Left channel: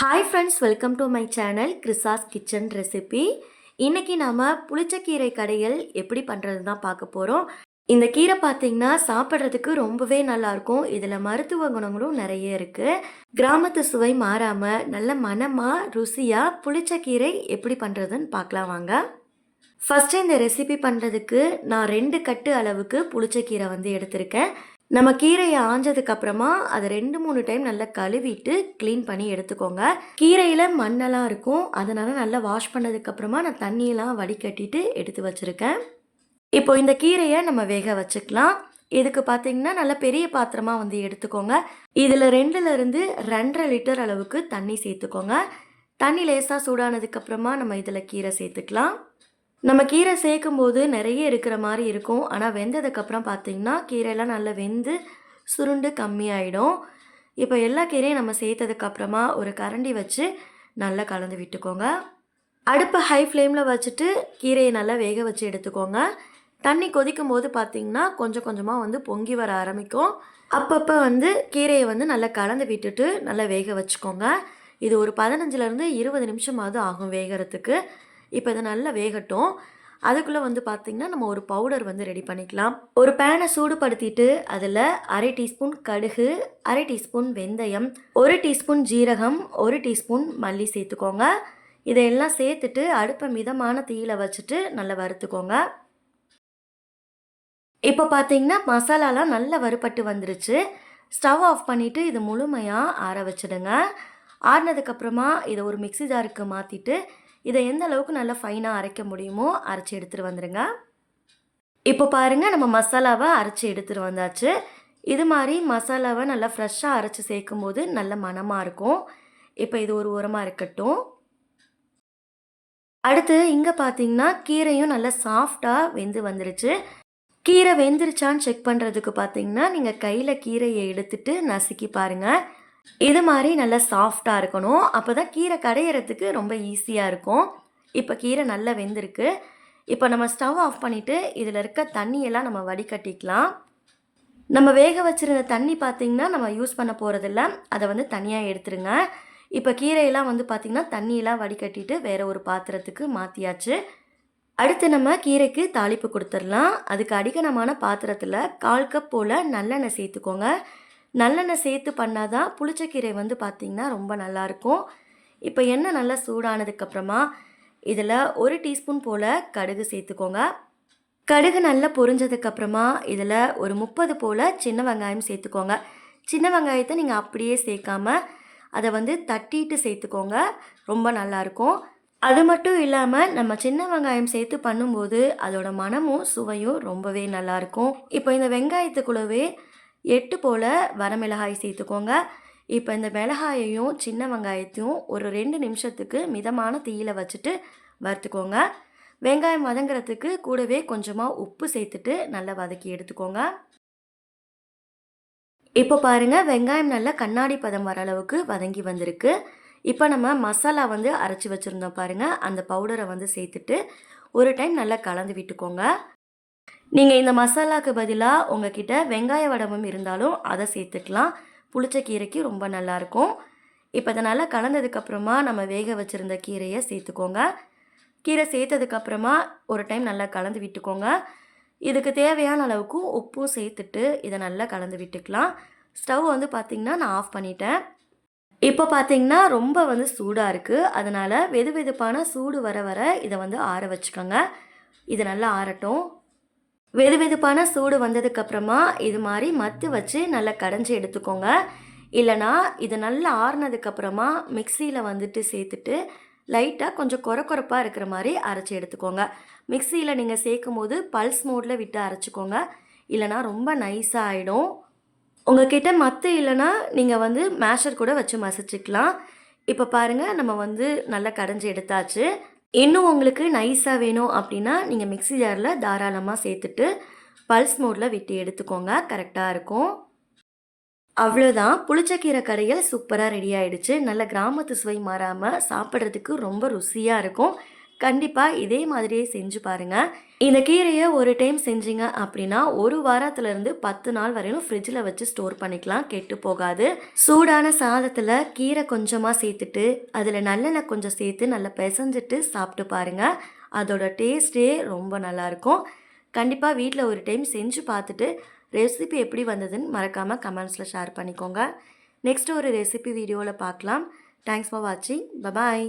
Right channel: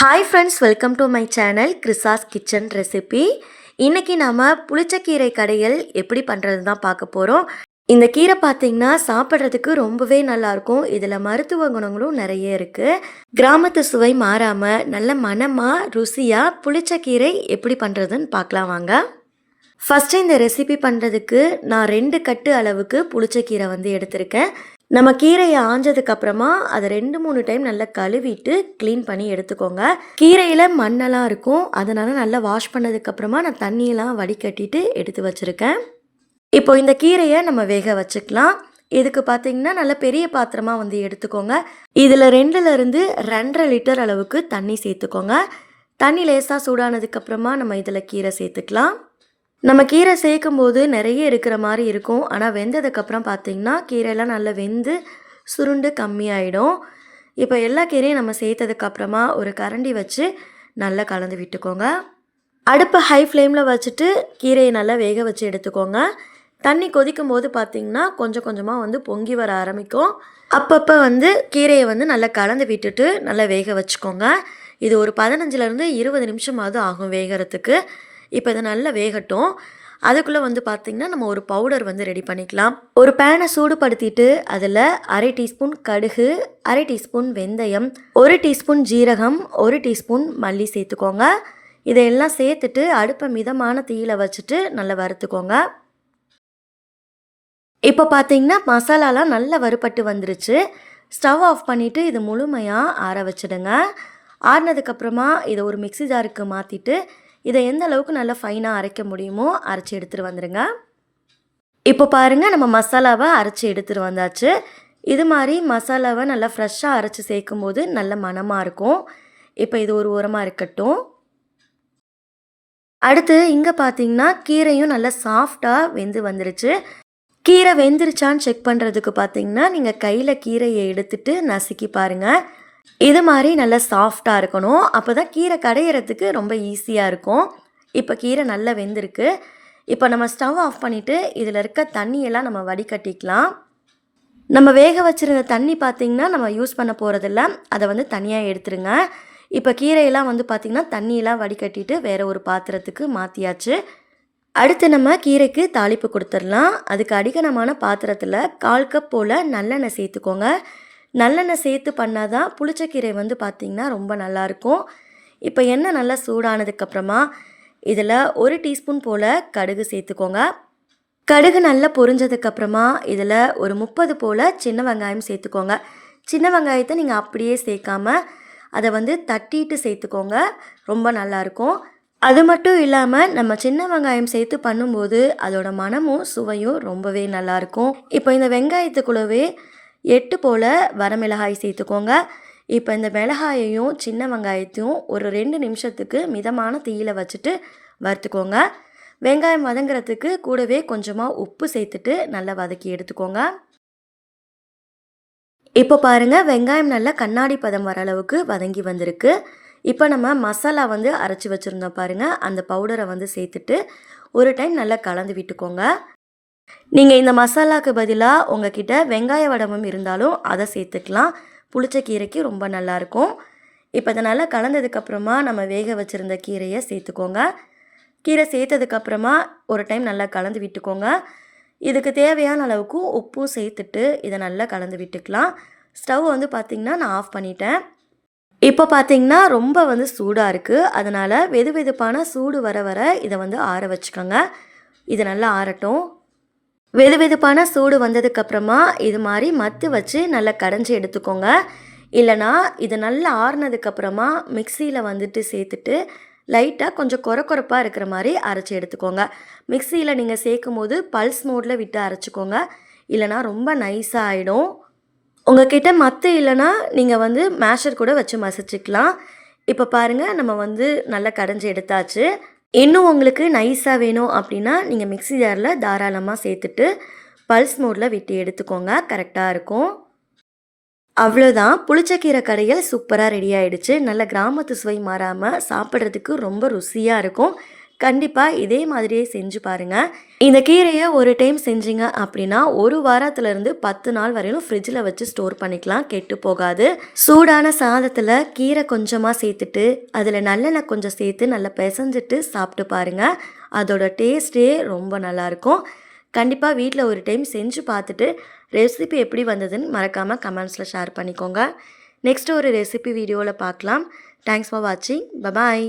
Hi friends, welcome to my channel கிறிஸாஸ் kitchen recipe. இன்றைக்கி நாம் புளிச்சக்கீரை கடைகள் எப்படி பண்ணுறது தான் பார்க்க போகிறோம். இந்த கீரை பார்த்திங்கன்னா சாப்பிட்றதுக்கு ரொம்பவே நல்லாயிருக்கும். இதில் மருத்துவ குணங்களும் நிறைய இருக்குது. கிராமத்து சுவை மாறாமல் நல்ல மணமாக ருசியாக புளிச்சக்கீரை எப்படி பண்ணுறதுன்னு பார்க்கலாம் வாங்க. ஃபஸ்ட்டு இந்த ரெசிபி பண்ணுறதுக்கு நான் 2 கட்டு அளவுக்கு புளிச்சக்கீரை எடுத்திருக்கேன். நம்ம கீரையை ஆஞ்சதுக்கப்புறமா அதை 2-3 டைம் நல்லா கழுவிட்டு க்ளீன் பண்ணி எடுத்துக்கோங்க. கீரையில் மண்ணெல்லாம் இருக்கும், அதனால் நல்லா வாஷ் பண்ணதுக்கப்புறமா நான் தண்ணியெல்லாம் வடிகட்டிட்டு எடுத்து வச்சுருக்கேன். இப்போ இந்த கீரையை நம்ம வேக வச்சுக்கலாம். இதுக்கு பார்த்திங்கன்னா நல்ல பெரிய பாத்திரமாக எடுத்துக்கோங்க. இதில் 2லேருந்து 2.5 லிட்டர் அளவுக்கு தண்ணி சேர்த்துக்கோங்க. தண்ணி லேசாக சூடானதுக்கப்புறமா நம்ம இதில் கீரை சேர்த்துக்கலாம். நம்ம கீரை சேர்க்கும்போது நிறைய இருக்கிற மாதிரி இருக்கும், ஆனால் வெந்ததுக்கப்புறம் பார்த்திங்கன்னா கீரையெல்லாம் நல்லா வெந்து சுருண்டு கம்மியாயிடும். இப்போ எல்லா கீரையும் நம்ம சேர்த்ததுக்கப்புறமா ஒரு கரண்டி வச்சு நல்லா கலந்து விட்டுக்கோங்க. அடுப்பை ஹை ஃப்ளேமில் வச்சுட்டு கீரையை நல்லா வேக வச்சு எடுத்துக்கோங்க. தண்ணி கொதிக்கும் போது பார்த்திங்கன்னா கொஞ்சம் கொஞ்சமாக பொங்கி வர ஆரம்பிக்கும். அப்பப்போ கீரையை நல்லா கலந்து விட்டுட்டு நல்லா வேக வச்சுக்கோங்க. இது ஒரு 15லேருந்து 20 நிமிஷமாவது ஆகும் வேகிறதுக்கு. இப்போ இது நல்லா வேகட்டும். அதுக்குள்ளே பார்த்திங்கன்னா நம்ம ஒரு பவுடர் ரெடி பண்ணிக்கலாம். ஒரு பேனை சூடுபடுத்திட்டு அதில் 1/2 டீஸ்பூன் கடுகு, 1/2 டீஸ்பூன் வெந்தயம், 1 டீஸ்பூன் ஜீரகம், 1 டீஸ்பூன் மல்லி சேர்த்துக்கோங்க. இதையெல்லாம் சேர்த்துட்டு அடுப்பை மிதமான தீயில் வச்சுட்டு நல்லா வறுத்துக்கோங்க. இப்போ பார்த்திங்கன்னா மசாலாலாம் நல்லா வறுபட்டு வந்துருச்சு. ஸ்டவ் ஆஃப் பண்ணிவிட்டு இது முழுமையாக ஆற வச்சுடுங்க. ஆறினதுக்கப்புறமா இதை ஒரு மிக்ஸி ஜாருக்கு மாற்றிட்டு இதை எந்த அளவுக்கு நல்லா ஃபைனாக அரைக்க முடியுமோ அரைச்சி எடுத்துகிட்டு வந்துடுங்க. இப்போ பாருங்கள், நம்ம மசாலாவை அரைச்சி எடுத்துகிட்டு வந்தாச்சு. இது மாதிரி மசாலாவை நல்லா ஃப்ரெஷ்ஷாக அரைச்சி சேர்க்கும் போது நல்ல மணமாக இருக்கும். இப்போ இது ஒரு ஓரமாக இருக்கட்டும். அடுத்து இங்கே பார்த்தீங்கன்னா கீரையும் நல்லா சாஃப்டாக வெந்து வந்துருச்சு. கீரை வெந்துருச்சான்னு செக் பண்ணுறதுக்கு பார்த்தீங்கன்னா நீங்கள் கையில் கீரையை எடுத்துகிட்டு நசுக்கி பாருங்கள். இது மாதிரி நல்லா சாஃப்டாக இருக்கணும். அப்போ தான் கீரை கடையிறதுக்கு ரொம்ப ஈஸியாக இருக்கும். இப்போ கீரை நல்லா வெந்திருக்கு. இப்போ நம்ம ஸ்டவ் ஆஃப் பண்ணிவிட்டு இதில் இருக்க தண்ணியெல்லாம் நம்ம வடிகட்டிக்கலாம். நம்ம வேக வச்சுருந்த தண்ணி பார்த்திங்கன்னா நம்ம யூஸ் பண்ண போகிறதில்ல, அதை தனியாக எடுத்துருங்க. இப்போ கீரையெல்லாம் பார்த்திங்கன்னா தண்ணியெல்லாம் வடிகட்டிட்டு வேறு ஒரு பாத்திரத்துக்கு மாற்றியாச்சு. அடுத்து நம்ம கீரைக்கு தாளிப்பு கொடுத்துடலாம். அதுக்கு அடிக்கனமான பாத்திரத்தில் 1/4 கப் போல் நல்லெண்ணெய் சேர்த்துக்கோங்க. நல்லெண்ணெய் சேர்த்து பண்ணால் தான் புளிச்சக்கீரை பார்த்திங்கன்னா ரொம்ப நல்லாயிருக்கும். இப்போ எண்ணெய் நல்லா சூடானதுக்கப்புறமா இதில் 1 டீஸ்பூன் போல் கடுகு சேர்த்துக்கோங்க. கடுகு நல்லா பொரிஞ்சதுக்கப்புறமா இதில் ஒரு 30 போல் சின்ன வெங்காயம் சேர்த்துக்கோங்க. சின்ன வெங்காயத்தை நீங்கள் அப்படியே சேர்க்காமல் அதை தட்டிட்டு சேர்த்துக்கோங்க, ரொம்ப நல்லாயிருக்கும். அது மட்டும் இல்லாமல் நம்ம சின்ன வெங்காயம் சேர்த்து பண்ணும்போது அதோட மனமும் சுவையும் ரொம்பவே நல்லாயிருக்கும். இப்போ இந்த வெங்காயத்துக்குள்ளவே 8 போல் வரமிளகாய் சேர்த்துக்கோங்க. இப்போ இந்த மிளகாயையும் சின்ன வெங்காயத்தையும் ஒரு 2 நிமிஷத்துக்கு மிதமான தீயில் வச்சுட்டு வறுத்துக்கோங்க. வெங்காயம் வதங்குறதுக்கு கூடவே கொஞ்சமாக உப்பு சேர்த்துட்டு நல்லா வதக்கி எடுத்துக்கோங்க. இப்போ பாருங்கள், வெங்காயம் நல்லா கண்ணாடி பதம் வர அளவுக்கு வதங்கி வந்திருக்கு. இப்போ நம்ம மசாலா அரைச்சி வச்சுருந்தோம் பாருங்கள், அந்த பவுடரை சேர்த்துட்டு ஒரு டைம் நல்லா கலந்து விட்டுக்கோங்க. நீங்கள் இந்த மசாலாவுக்கு பதிலாக உங்ககிட்ட வெங்காய வடமும் இருந்தாலும் அதை சேர்த்துக்கலாம். புளிச்சக்கீரைக்கு ரொம்ப நல்லாயிருக்கும். இப்போ இதை நல்லா கலந்ததுக்கப்புறமா நம்ம வேக வச்சுருந்த கீரையை சேர்த்துக்கோங்க. கீரை சேர்த்ததுக்கப்புறமா ஒரு டைம் நல்லா கலந்து விட்டுக்கோங்க. இதுக்கு தேவையான அளவுக்கு உப்பும் சேர்த்துட்டு இதை நல்லா கலந்து விட்டுக்கலாம். ஸ்டவ் பார்த்திங்கன்னா நான் ஆஃப் பண்ணிட்டேன். இப்போ பார்த்திங்கன்னா ரொம்ப சூடாக இருக்குது, அதனால் வெது வெதுப்பான சூடு வர வர இதை ஆற வச்சுக்கோங்க. இது நல்லா ஆறட்டும். வெது வெதுப்பான சூடு வந்ததுக்கப்புறமா இது மாதிரி மத்து வச்சு நல்லா கடைஞ்சி எடுத்துக்கோங்க. இல்லைனா இது நல்லா ஆறுனதுக்கப்புறமா மிக்சியில் சேர்த்துட்டு லைட்டாக கொஞ்சம் கொரப்பாக இருக்கிற மாதிரி அரைச்சி எடுத்துக்கோங்க. மிக்சியில் நீங்கள் சேர்க்கும் போது பல்ஸ் மோடில் விட்டு அரைச்சிக்கோங்க, இல்லைனா ரொம்ப நைஸாக ஆகிடும். உங்கள்கிட்ட மத்து இல்லைனா நீங்கள் மேஷர் கூட வச்சு மசிச்சுக்கலாம். இப்போ பாருங்கள், நம்ம நல்லா கடைஞ்சி எடுத்தாச்சு. இன்னும் உங்களுக்கு நைஸாக வேணும் அப்படின்னா நீங்கள் மிக்ஸி ஜாரில் தாராளமாக சேர்த்துட்டு பல்ஸ் மோடில் விட்டு எடுத்துக்கோங்க, கரெக்டாக இருக்கும். அவ்வளோதான், புளிச்சக்கீரை கடையில் சூப்பராக ரெடி ஆகிடுச்சு. நல்ல கிராமத்து சுவை மாறாமல் சாப்பிட்றதுக்கு ரொம்ப ருசியாக இருக்கும். கண்டிப்பாக இதே மாதிரியே செஞ்சு பாருங்கள். இந்த கீரையை ஒரு டைம் செஞ்சீங்க அப்படின்னா 1 வாரத்துலேருந்து 10 நாள் வரையிலும் ஃப்ரிட்ஜில் வச்சு ஸ்டோர் பண்ணிக்கலாம், கெட்டு போகாது. சூடான சாதத்தில் கீரை கொஞ்சமாக சேர்த்துட்டு அதில் நல்லெண்ணெய் கொஞ்சம் சேர்த்து நல்லா பிசைஞ்சிட்டு சாப்பிட்டு பாருங்கள். அதோட டேஸ்ட்டே ரொம்ப நல்லாயிருக்கும். கண்டிப்பாக வீட்டில் ஒரு டைம் செஞ்சு பார்த்துட்டு ரெசிபி எப்படி வந்ததுன்னு மறக்காமல் கமெண்ட்ஸில் ஷேர் பண்ணிக்கோங்க. நெக்ஸ்ட் ஒரு ரெசிபி வீடியோவில் பார்க்கலாம். தேங்க்ஸ் ஃபார் வாட்சிங். பபாய்.